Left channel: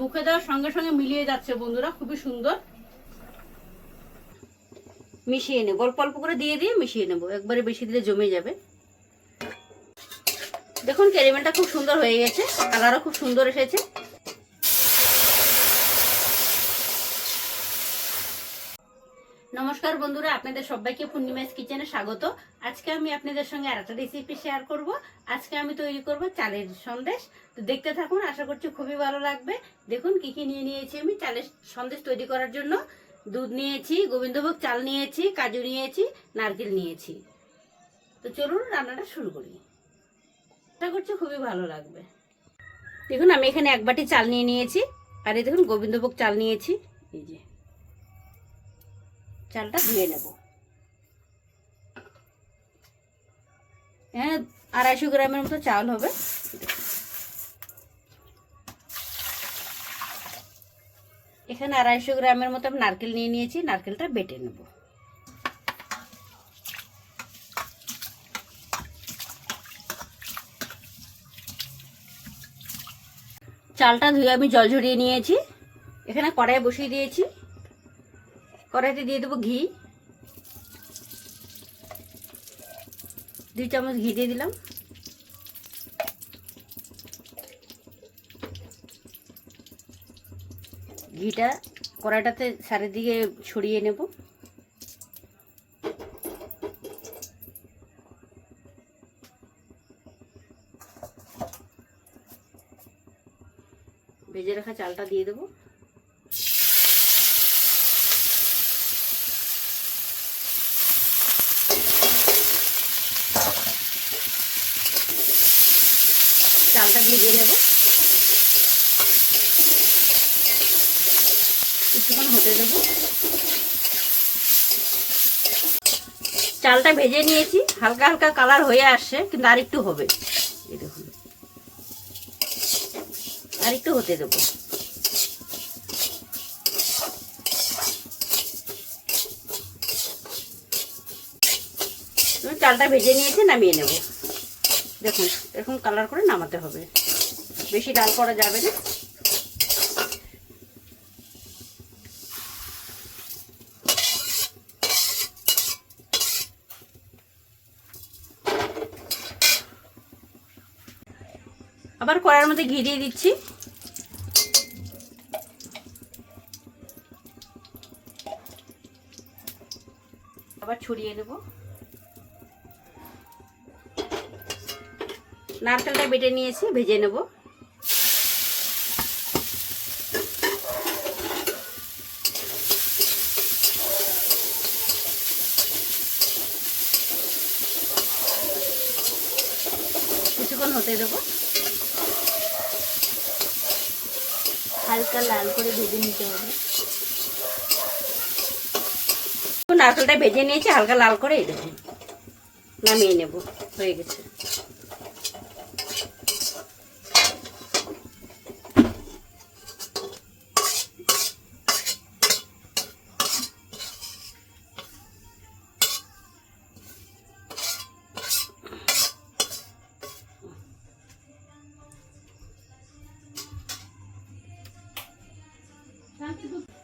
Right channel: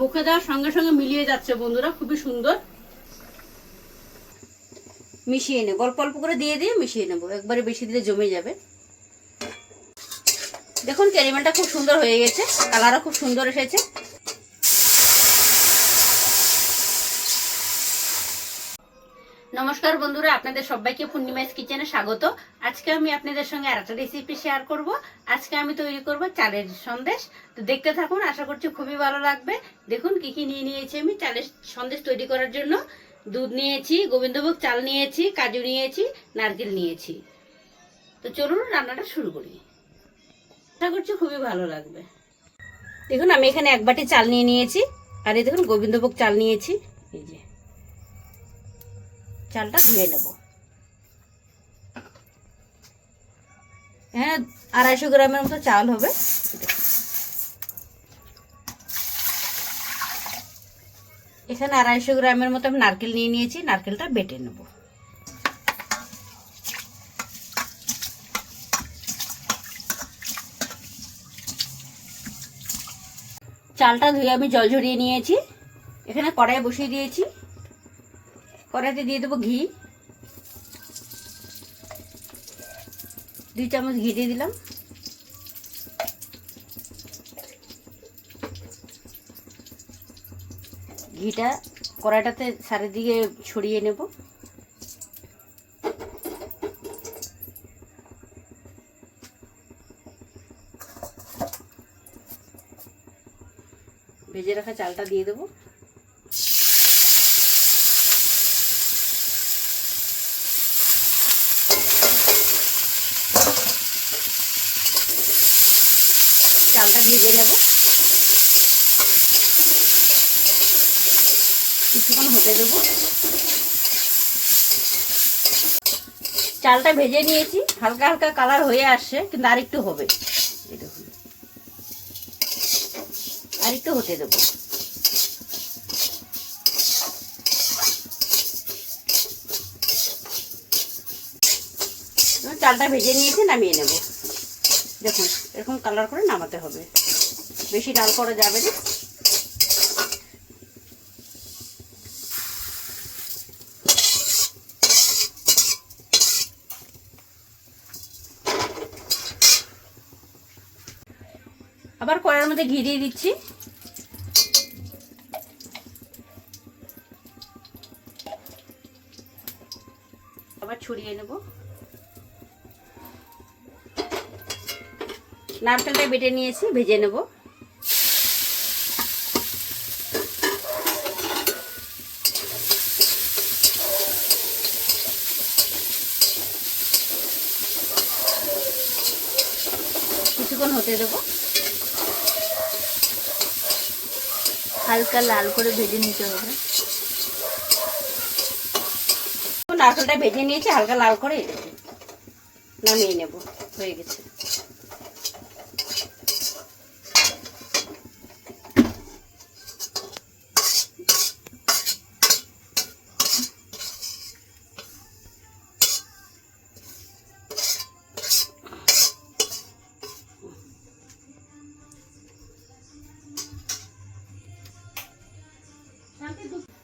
মুখে দেওয়ার সঙ্গে সঙ্গে মিলিয়ে যাচ্ছে বন্ধুরা, খুবই সুন্দর। মিশিয়ে নেব, অল্প অল্প করে দিয়ে দিয়ে মিশিয়ে নেব, একবারে বেশি দিলে জমে যাবে। দেখুন ক্যারামেলটা খুব সুন্দর হয়ে গেছে, কালারও খুব সুন্দর এসেছে। নমস্কার বন্ধুরা, আপনাদের সবাইকে পূর্ণিমাস কিচেনে স্বাগত। আজকে আমি আপনাদের সঙ্গে আরেকটা রেসিপি শেয়ার করব। আজকে আমি তৈরি করব চালের সন্দেশ। তো দেখতে থাকুন, আশা করছি খুবই ভালো লাগবে। দেখুন কি কি নিয়ে নিয়েছি আমি চালের সন্দেশ তৈরি করার জন্য। দুধ নিয়েছি, গোবিন্দভোগ চাল নিয়েছি, কাজু নিয়েছি, নারকেল নিয়েছি। তো চলুন রান্নাটা শুরু করি, আশা করছি খুবই ভালো লাগবে। দেখুন আমি এখানে 1 বাটি চাল নিয়ে নিয়েছি, আর এই দেখুন গোবিন্দভোগ চাল নিয়েছি। এই যে চালটা ধুয়ে নেব। হ্যাঁ, 250 গ্রামের মতো চাল হবে। এখানে 250 গ্রামের মতো আমি নারকেল নিয়ে নিয়েছি, নারকেলটা বেটে নেব। চালটা ধুয়ে আমি জল ঝরিয়ে নিয়েছি। এখানে কড়াই বসিয়ে দিয়েছি, কড়াইতে দিয়ে দেবো ঘি। 2 চামচ ঘি দিয়ে দিলাম। ঘিটা কড়াইটাতে চারিদিকে ছড়িয়ে নেব। ভেজে রাখা চালটা দিয়ে দেবো। চালটা ভেজে নেব, কিছুক্ষণ হতে দেবো। চালটা ভেজে নিয়েছি, হালকা হালকা কালার হয়ে আসছে, কিন্তু আরেকটু হবে। এই দেখুন আরেকটু হতে দেবো। চালটা ভেজে নিয়েছি, নামিয়ে নেব। দেখুন এরকম কালার করে নামাতে হবে, বেশি লাল করা যাবে না। আবার কড়াইয়ের মধ্যে ঘি দিয়ে দিচ্ছি। আবার ছড়িয়ে নেব। নারকেলটা বেটে নিয়েছি, ভেজে নেব। কিছুক্ষণ হতে দেবো, হালকা লাল করে ভেজে নিতে হবে। নারকেলটা ভেজে নিয়েছি হালকা লাল করে, এই দেখুন নামিয়ে নেব, হয়ে গেছে।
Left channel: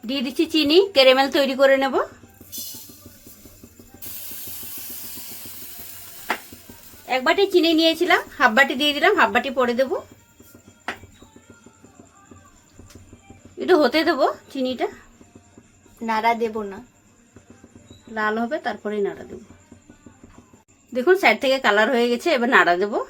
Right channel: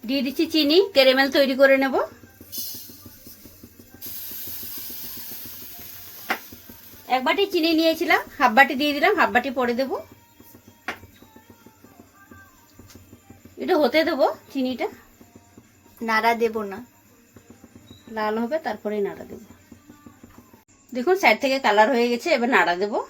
দিয়ে দিচ্ছি চিনি, ক্যারামেল তৈরি করে নেব। 1 বাটি চিনি নিয়েছিলাম, 1/2 বাটি দিয়ে দিলাম, 1/2 বাটি পরে দেবো। একটু হতে দেবো, চিনিটা নাড়া দেব না, লাল হবে তারপরে নাড়া দেবো। দেখুন সাইড থেকে কালার হয়ে গেছে, এবার নাড়া দেবো।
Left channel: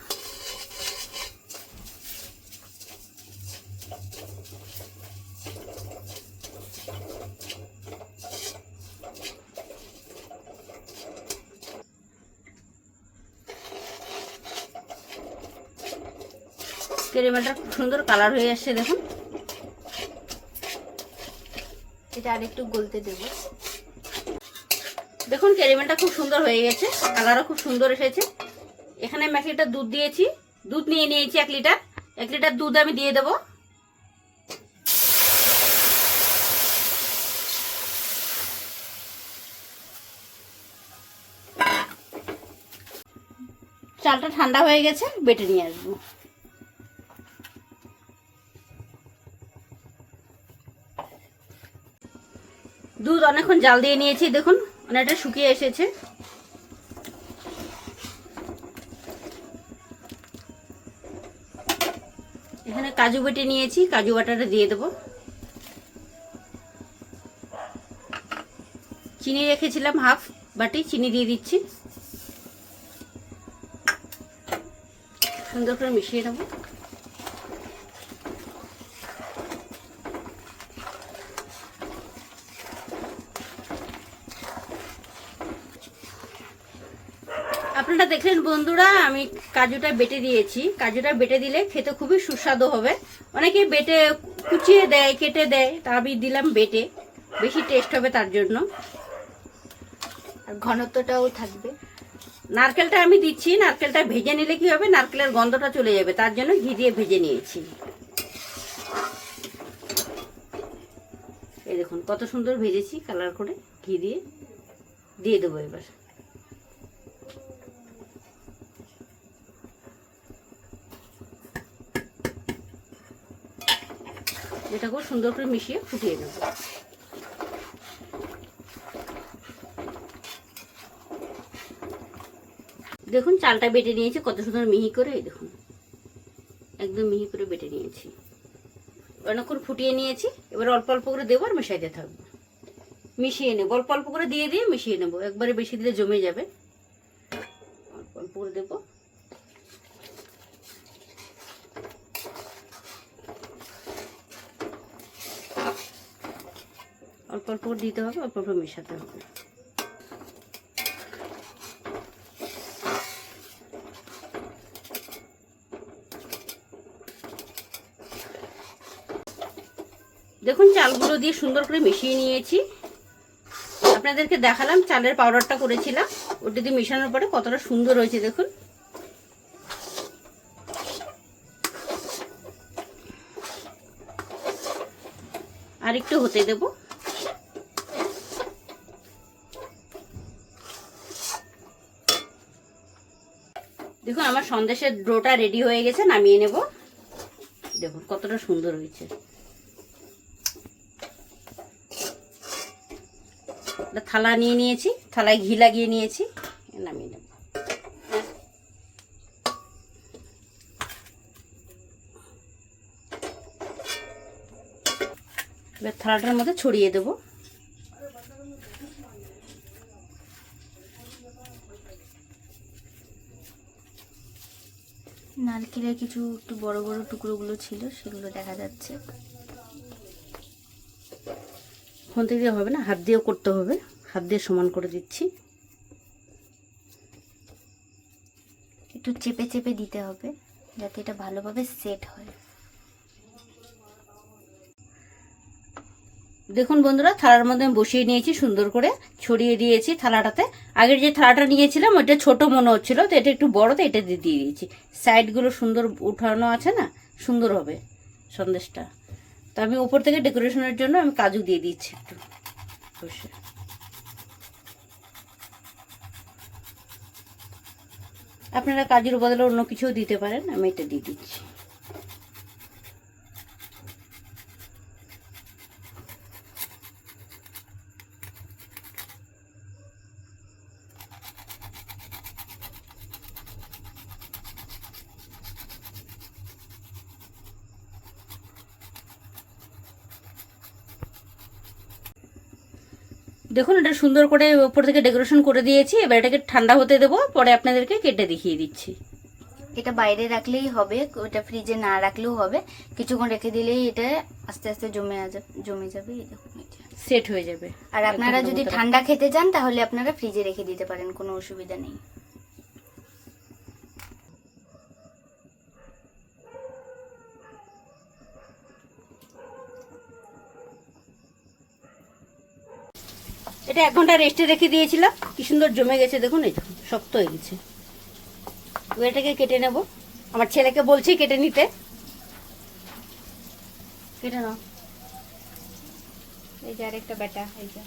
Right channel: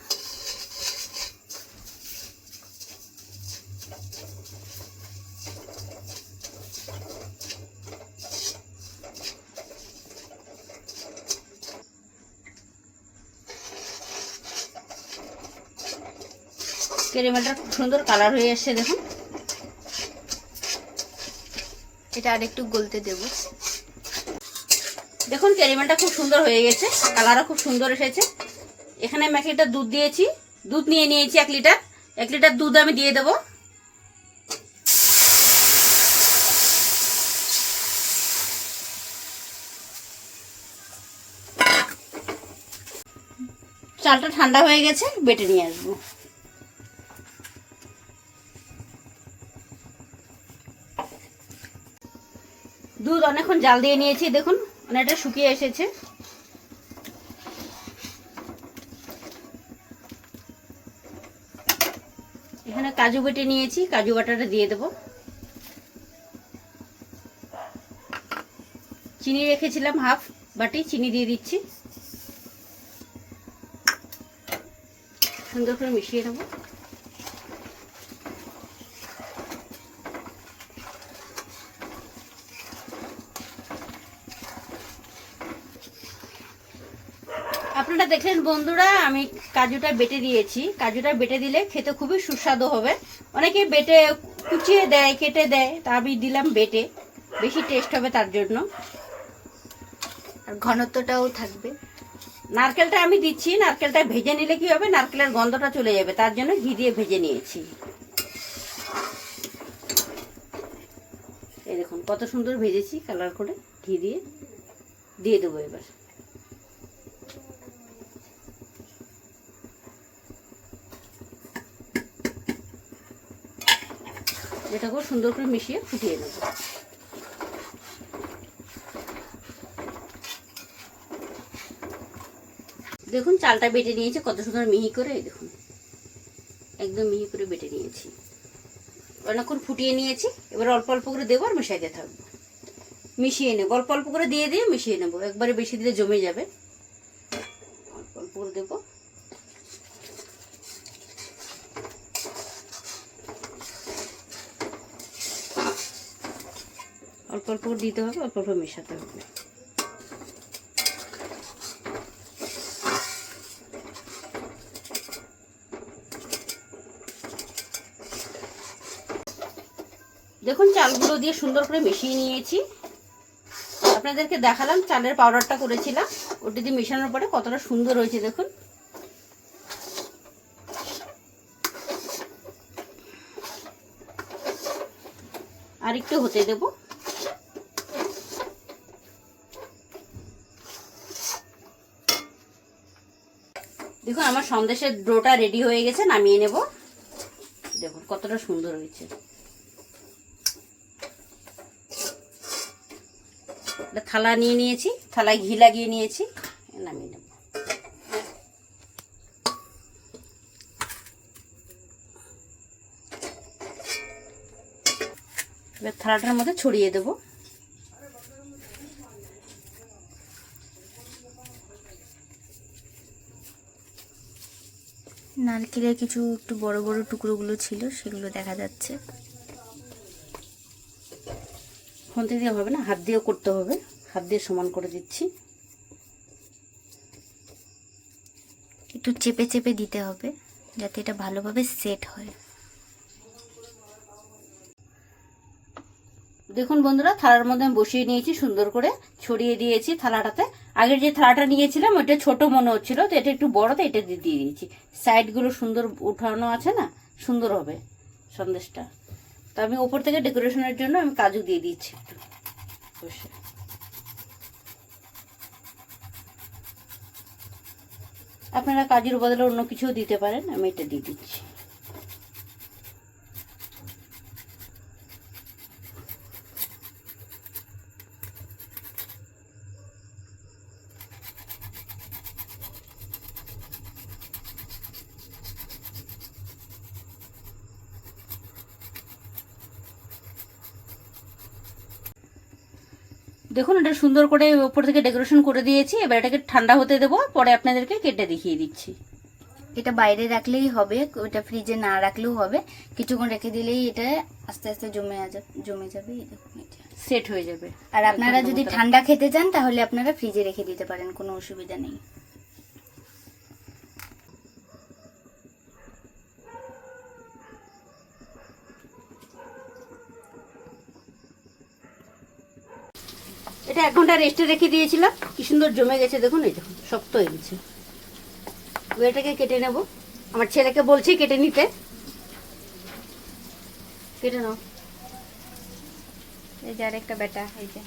ক্যারামেলটা খুব সুন্দর কালার হয়ে আসছে, দেখুন। এটা আরেকটু গলতে দেব। দেখুন ক্যারামেলটা খুব সুন্দর হয়ে গেছে, কালারও খুব সুন্দর এসেছে। এখানে আমি 1 লিটার দুধ দিয়েছি, দুধ নিয়ে নিয়েছি 1 লিটার। 1 লিটার দুধ আমি দিয়ে দেবো। চালটা ঠান্ডা হয়ে গেছে, বেটে নিয়ে আসবো। দুধ অনেকক্ষণ জাল দিয়ে নিয়েছি, দেখুন অনেকটা শুকিয়ে এসেছে। এখানে কাজু বেটে নিয়েছি, কাজু বাটাটা দিয়ে দেবো। চিনি রেখেছিলাম হাফ বাটি, চিনি দিয়ে দিচ্ছি। সুন্দর করে মিশিয়ে নেব। আপনারা দেখলেন বন্ধুরা, আমি কাজুটা বেটে দিয়েছি। কাজুটা বেটে দিলে খেতে খুবই সুস্বাদু হবে। অনেকে বেটে কুচিয়ে দেয়, কেটে দেয়, তা আমি দিলাম বেটে, বেশি টেস্ট হবে তার জন্য। আর ঘনত্বটাও থাকবে। নারকেলটা আমি দিচ্ছি, নারকেলটা ভেজে নিলে কি হবে, নারকেলের গন্ধটা চলে যাবে, তার জন্য ঘি দিয়ে ভেজে নিয়েছি। এই দেখুন কত সুন্দর ভেজেছি কালার করে, ঘি দিয়ে দেবো এবার। এটাকে সুন্দর করে মিশিয়ে ফুটিয়ে নেব। দেখুন চালটা বেটে নিয়েছি কত সুন্দর মিহি করে, এই দেখুন একদম মিহি করে বেটে নিয়েছি। অনেকক্ষণ ফুটিয়ে নিয়েছি, এবার অল্প অল্প করে দেবো আর মেশাইতে থাকবো। মিশিয়ে নেবো, অল্প অল্প করে দিয়ে মিশিয়ে নেবো, একবারে বেশি দিলে জমে যাবে। অল্প অল্প করে দেবো। অল্প অল্প করে দিতে হবে, অল্প অল্প মেশাতে হবে। দেখুন চালগুলো দিয়ে সুন্দর করে মিশিয়ে নিয়েছি। আপনাদেরকে দেখালাম চালের পাউডারটা করেছিলাম, ওটা দিয়ে মেশানোর পরে কতটা সুন্দর হয়েছে দেখুন। আর একটু হতে দেব। দেখুন আমার সন্দেশের ডোটা রেডি হয়ে গেছে, নামিয়ে নেব। দেখুন কতটা সুন্দর হয়েছে। থালা নিয়ে নিয়েছি, থালায় ঘি লাগিয়ে নিয়েছি, নামিয়ে নেব। এবার থালাটার মধ্যে ছড়িয়ে দেব। নারকেলের কিছু একটু বড় বড় টুকরোগুলো ছিল, সেগুলো দেখা যাচ্ছে। ফোন থেকে হবে না, হাত দিয়েও করতে হবে, হাত দিয়ে সমান করে দিচ্ছি। একটু চেপে চেপে দিতে হবে যাতে এটা ভালোভাবে সেট হয়। দেখুন বন্ধুরা, থালার মধ্যে আমি বসিয়ে নিয়েছি, সুন্দর করে ছড়িয়ে দিয়েছি থালাটাতে। আগের যে থালাটা নিয়েছিলাম ওইটা ছোট মনে হচ্ছিল, তো এটা একটু বড়, তো এটা দিয়ে দিয়েছি। সাইডগুলো সুন্দর উঠানো আছে না, সুন্দর হবে সন্দেশটা। তো আমি উপর থেকে ডেকোরেশনের জন্য আমি কাজু দিয়ে দিচ্ছি একটু বসে। আপনারা কাজুর বদলে অন্য কিছুও দিতে পারেন, আমি এটা দিয়ে দিচ্ছি। দেখুন এটা সুন্দর করে উপর থেকে ডেকোরেশন করে দিয়েছি। এবার এটাকে ঠান্ডা হতে দেবো, পরে আপনাদেরকে কেটে দেখিয়ে দিচ্ছি। এটা বাইরে রাখলেই হবে, ওটা ফ্রিজে না রাখলেও হবে। কিছুক্ষণ রেখে দিলেই এটা আস্তে আস্তে জমে যাবে, সেট হয়ে যাবে। আর আপনারা যদি ঠান্ডা খেতে চান তাহলে আপনারা ফ্রিজে রেখে দিতে পারেন, কোনো অসুবিধা নেই। এটা 1 ঘন্টা রেস্টে রেখে দিয়েছিলাম, কি সুন্দর জমে গেছে দেখুন, এই শক্ত হয়ে গেছে। এটাকে কেটে নেব, আমার ছেলেকে বলছি কেটে নিতে। কেটে নাও। এই যে আরেকটা বেটা, এই যে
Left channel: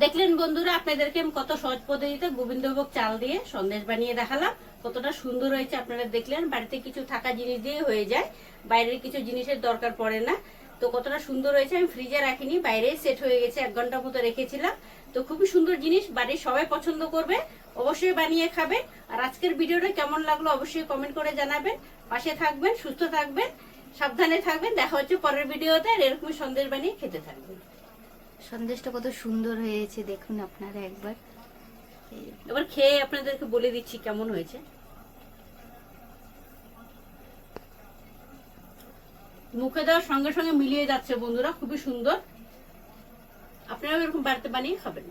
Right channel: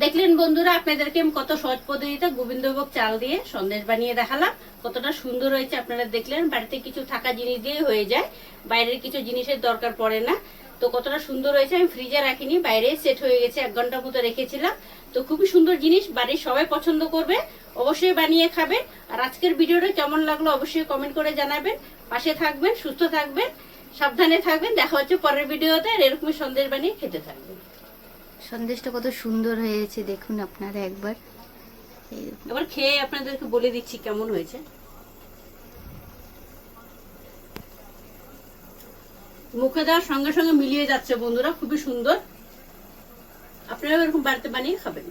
দেখলেন বন্ধুরা, আপনাদেরকে আমি কত সহজ পদ্ধতিতে গোবিন্দভোগ চাল দিয়ে সন্দেশ বানিয়ে দেখালাম। কতটা সুন্দর হয়েছে আপনারা দেখলেন। বাড়িতে কিছু থাকা জিনিস দিয়ে হয়ে যায়, বাইরের কিছু জিনিসের দরকার পড়ে না। তো কতটা সুন্দর হয়েছে, আমি ফ্রিজে রাখিনি, বাইরে সেট হয়ে গেছে, 1 ঘন্টা মতো রেখেছিলাম। তো খুবই সুন্দর জিনিস, বাড়ির সবাই পছন্দ করবে, অবশ্যই বানিয়ে খাবেন। আর আজকের ভিডিওটা কেমন লাগলো অবশ্যই কমেন্ট করে জানাবেন। পাশে থাকবেন, সুস্থ থাকবেন, সাবধানে থাকবেন। দেখা হচ্ছে পরের ভিডিওতে। আর এরকমই সন্দেশ বানিয়ে খেতে থাকবেন। সন্দেশটা কত সুন্দর হয়েছে দেখুন আপনারা একবার। এই দেখুন। এবার খেয়ে আপনাদেরকে বলে দিচ্ছি কেমন হয়েছে। মুখে দেওয়ার সঙ্গে সঙ্গে মিলিয়ে যাচ্ছে বন্ধুরা, খুবই সুন্দর। আপনারা এরকম বাড়িতে বানিয়ে খাবেন।